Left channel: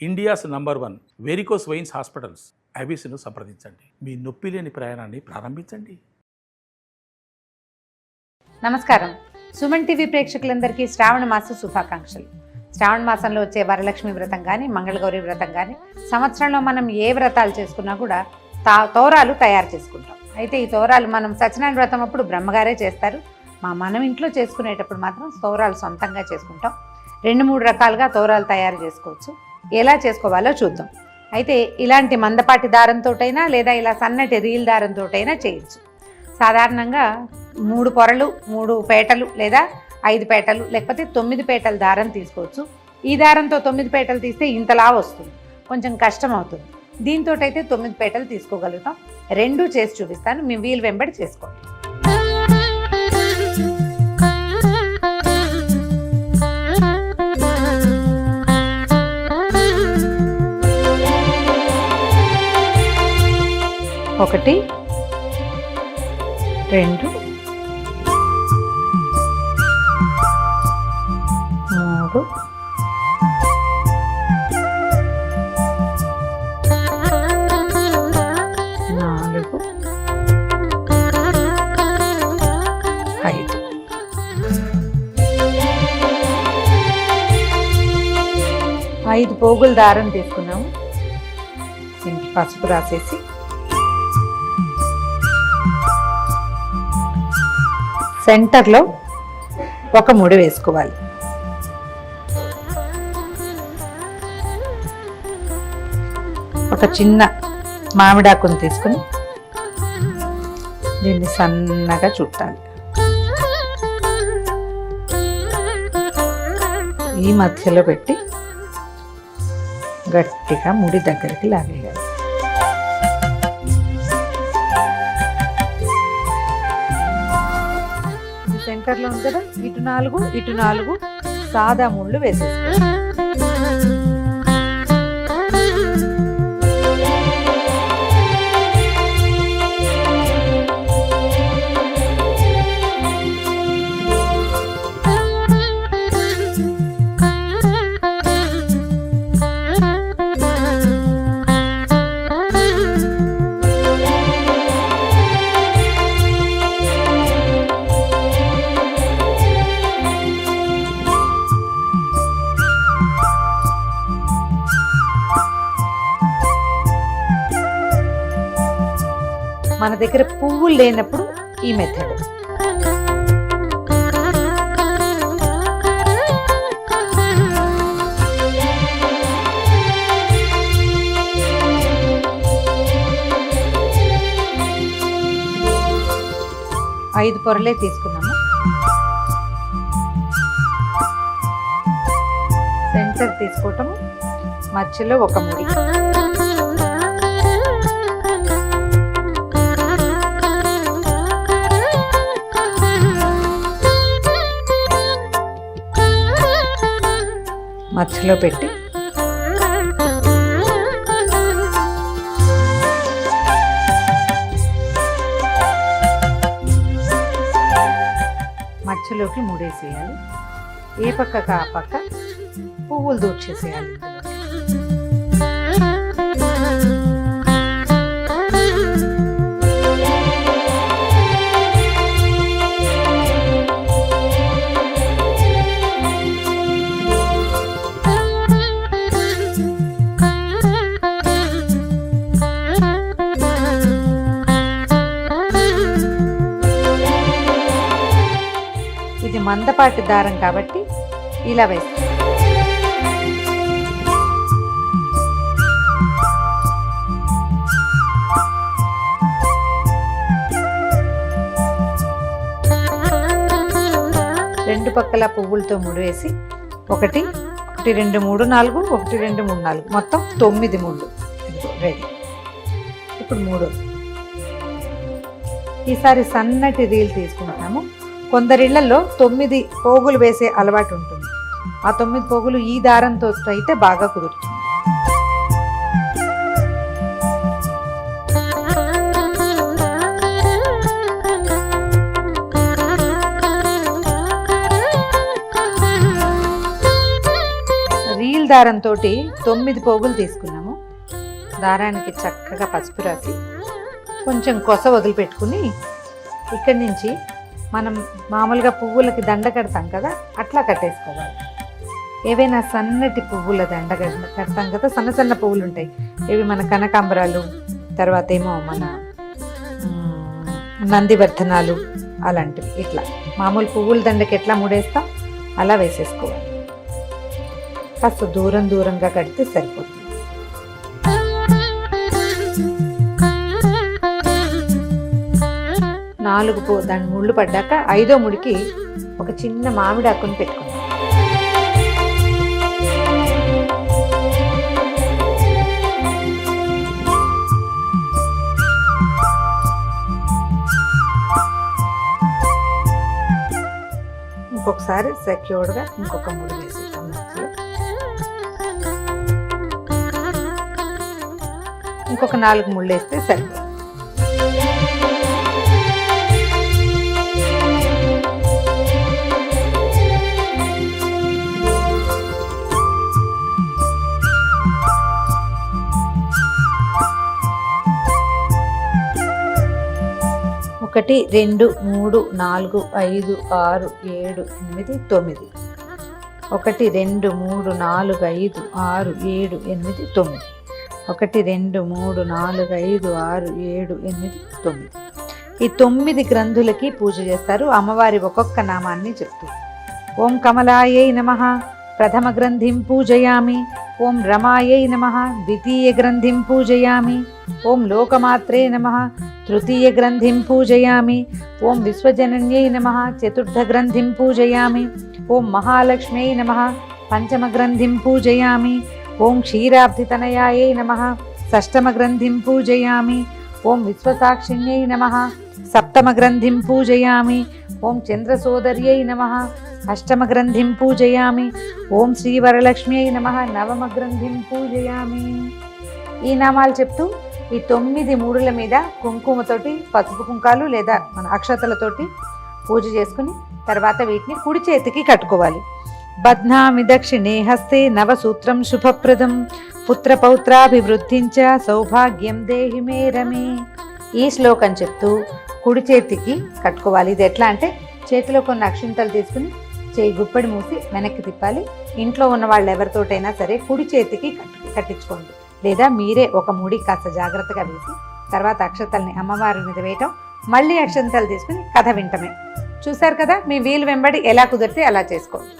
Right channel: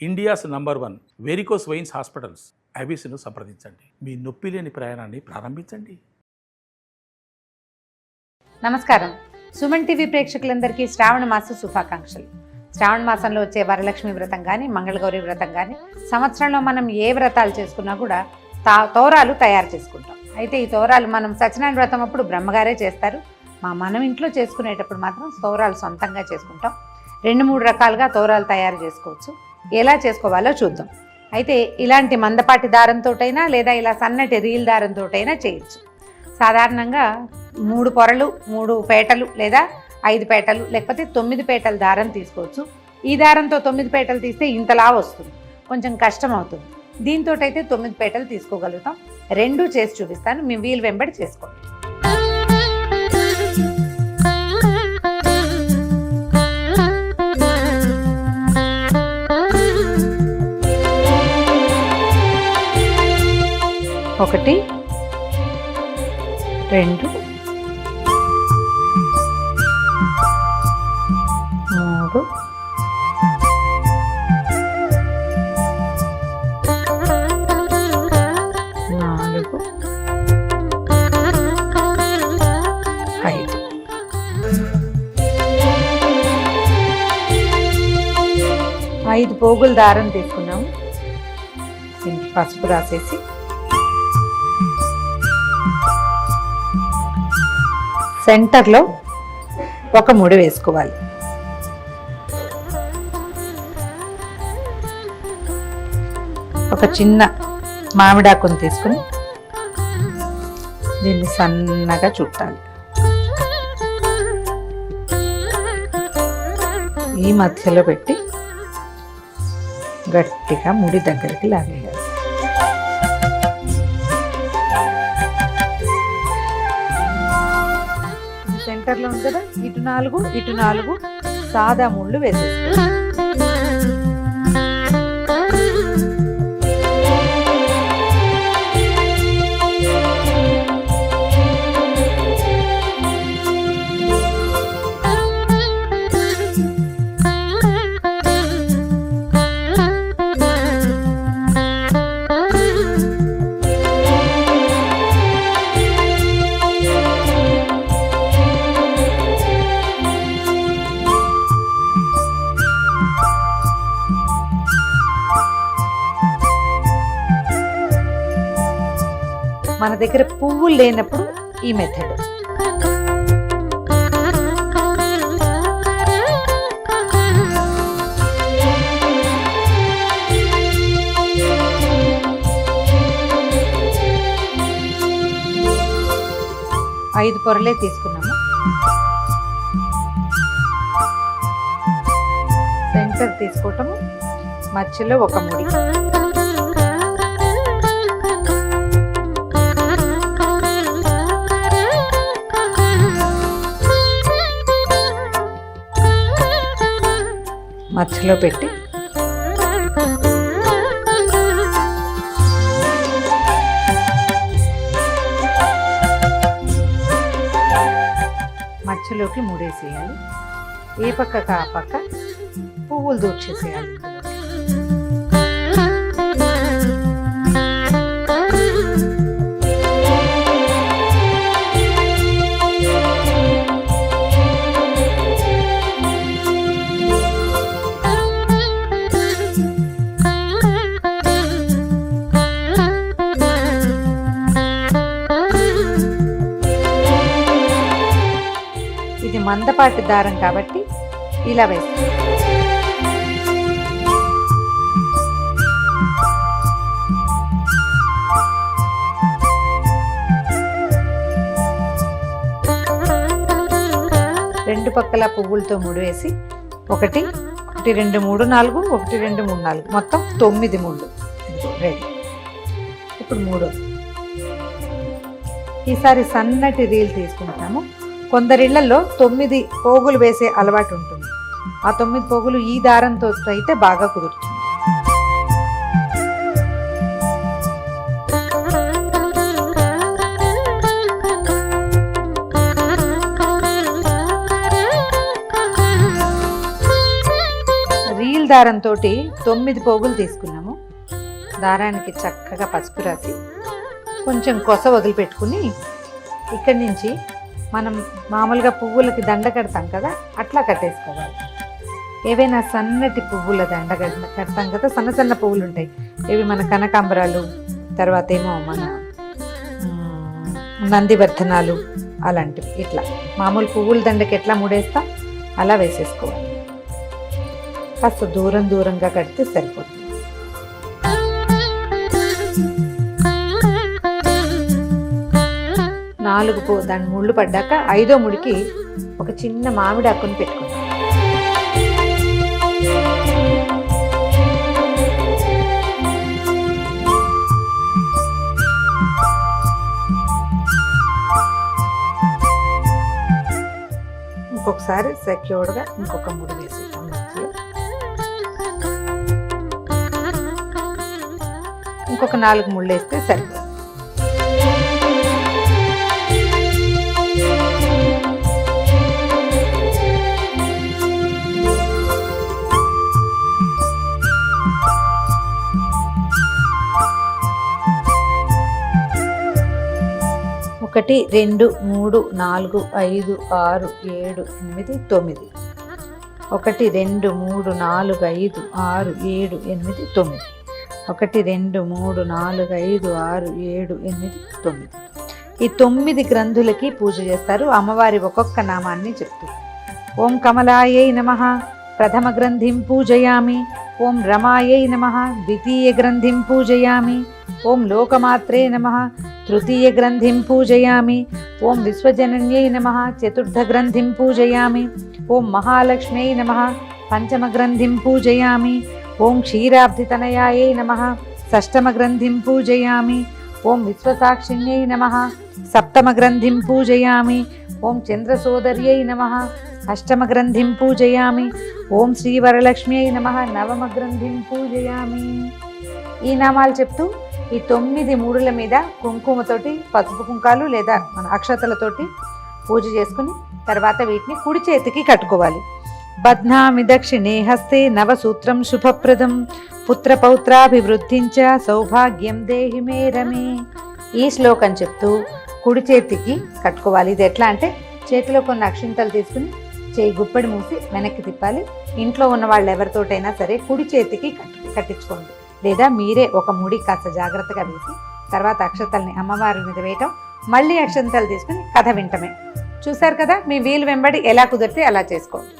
India's number 1 varicose veins hospitals ఐబీసీను సంప్రదించండి. మీ నొప్పి లేని ప్రయాణాన్ని ప్రారంభించండి. నమస్కారం. సుమన్ టీవీ ప్రేక్షకులందరికీ శ్రావణ మాస శుభాకాంక్షలు. శ్రావణ మాసంలో వచ్చే వరలక్ష్మి వ్రతం కానీ, మంగళగౌరి వ్రతం కానీ, సంవత్సరంలో మనం ఏ వ్రతాలు చేసుకున్నా కూడా తోరాలు తయారు చేసుకుంటాం. అయితే ఈ తోరాలు మనం సత్యనారాయణ వ్రతం అప్పుడు బ్రహ్మగారే చేస్తారు. మనం ఇంట్లో చేసుకునేటప్పుడు మాత్రం తోరాలు సొంతంగా చేసుకుంటాం. 2-3 రకాలుగా తోరాలు తయారు చేసుకోవచ్చు. ఎలా చేసుకోవాలో చూద్దాం. అయితే ఇలాంటి మందపాటి దారంతోటైనా లేదా ఇలా సన్నటి రీల్ దారంతోటైనా చేయొచ్చు. సాధారణంగా 3 పొరలు, 3 పేటలు లేదా 5 పేటలు లేకపోతే 9 పేటల దారం తీసుకోవచ్చు. ఈ దారంతో 9 పేటలు తీస్తే ఇంతలా వస్తుంది, కొంచెం కష్టం అవుతుంది. దీంతో అయితే 9 పేటలు తీసుకోగలుగుతాం. 2 చేసి చూపిస్తాను, మీ వీలు వెంబడి చేసుకోండి. ఒకటి, 2, 3, 4, 5. ఐదు పోగుల దారం తీసుకున్నాము. దీనికి పసుపు రాసేసి సెంటర్లో ఒక ముడి వేసుకోవాలి. ఒక చిన్న మామిడాకును తీసుకుని దీన్ని సన్నగా చుట్టాలి. ఈ మధ్యలో పెట్టి గట్టిగా ముడి దగ్గరికి లాగేయాలి. సెంటర్లో ఉంది కదా, ఇటు 4 సాదా ముళ్ళు వేసేసుకోవాలి. మన దగ్గర పువ్వులు లేనప్పుడు ఈ మెథడ్. ఐదు పొరలే తీసుకున్నాము. సెంటర్ తీసుకోవటము, మధ్యలో ఒక ముడి. మధ్యలో పెట్టి మధ్యలోకి ముడేసేయాలి. ఏ పక్కకు ఆ పక్క పువ్వులు దూర్చేసేయాలి. ఇది మందపాటి దారం కాబట్టి ఇలా వేస్తాం. రెండు పక్కల పువ్వులతో ముడివేసి 1, 2, 3, 4, 1, 2, 3, 4 మొత్తం 9 ముళ్ళు రెడీ. ఇప్పుడు 3. ఈసారి సన్నటి రీల్ తీసుకుంటాము. కొందరిళ్లలో 9 పోగులు వేసే అలవాటు ఉంటుంది. ఆ 9 పోగులు ఈ దారంతో అయితే బాగా కుదురుతుంది. రీల్ దారంతో 9 పోగులు తీసుకున్నాము. దారానికి చక్కగా పసుపు రాసి కొంచెం కొస వదిలిపెట్టుకుని ఇక్కడి నుంచి మనం మామూలుగా పువ్వులకి దండ కడతాం కదా, అట్లా కట్టేసుకోవాలి. ఏవైనా సన్నటి పువ్వుల దండ కడతాం కదా, సన్న సన్న పువ్వులు ఉంటాయి, ఇవి మన కనకాంబరాలు, తర్వాత ఏమో మన నందివర్ధనాలు అలాంటివి. ఇట్లా మామూలు పువ్వుల దండకి ఎట్లా ముడేస్తాం అలా వేసేసుకోవాలి. కాస్త దూరంగా కడితే సరిపోతుంది. దాని ముళ్ళు పడ్డాక 5వ ముడికి ఒక చిన్న మామిడి ఆకుని పెట్టుకుందాం. ఇంకొకసారి సెక్యూర్డ్గా ఇంకొక ముడి వేసేద్దాం మధ్యలో. ఇంకొక 4 ముళ్ళు వేస్తే సరిపోతుంది. ఒకటి 2 3 4 5 6 7 8 9. 1 2 3 4 5 6 7 8 9. 1 2 3 4 5 6 7 8 9. ఈ 9 గ్రంథులకి పూజ చేస్తారు. అమ్మవారి ఒక్కొక్క నామాన్ని చెప్తూ ఓం కమలాయై నమః ప్రథమ గ్రంథిం పూజయామి, ఓం రమాయై నమః ద్వితీయ గ్రంథిం పూజయామి, ఓం లోకమాత్రే నమః తృతీయ గ్రంథిం పూజయామి, ఓం విశ్వజనన్యై నమః చతుర్థ గ్రంథిం పూజయామి, ఓం మహాలక్ష్మ్యై నమః పంచమ గ్రంథిం పూజయామి, ఓం క్షీరాబ్ధితనయాయై నమః షష్టమ గ్రంథిం పూజయామి, ఓం విశ్వసాక్షిణ్యై నమః సప్తమ గ్రంథిం పూజయామి, ఓం చంద్రసోదర్యై నమః అష్టమ గ్రంథిం పూజయామి, ఓం శ్రీవరలక్ష్మ్యై నమః నవమ గ్రంథిం పూజయామి. ఈ నామాలు చెప్తూ ఈ 9 మూడుల మీద కుంకుమతోటి, పసుపు కుంకాలు లేదా మన అక్షతలతోటి పూజ చేసుకుని తర్వాత వీటిని కుడి చేతికి కట్టుకోవాలి. బధ్నామి దక్షిణే హస్తే నవసూత్రం శుభప్రదం పుత్రపౌత్రాభివృద్ధించ సౌభాగ్యం దేహి మే రమే. ఈ శ్లోకం చెప్తూ కుడి చేతికి కట్టుకోవాలి. ఇది ఎట్లా అంటే చేతిలో కొన్ని అక్షింతలు తీసుకుని చేయి గుప్పెడి మూసి వెనక్కి తిప్పాలి. ఇంట్లో ఉన్న వాళ్ళు ఎవరితోటైనా సరే కుడి చేతికి కట్టించుకోండి, లేదా మీరే ఒక ముడి కాస్త జాగ్రత్తగా వేసి తర్వాత అక్షతల్ని అమ్మవారి మీద వేయటం, మళ్ళీ అక్షంతలు తీసుకుని కథ వింటమే. చూశారు కదా, మీ వీలు వెంబడి ఎలా కుదిరితే అలా చేసుకోండి.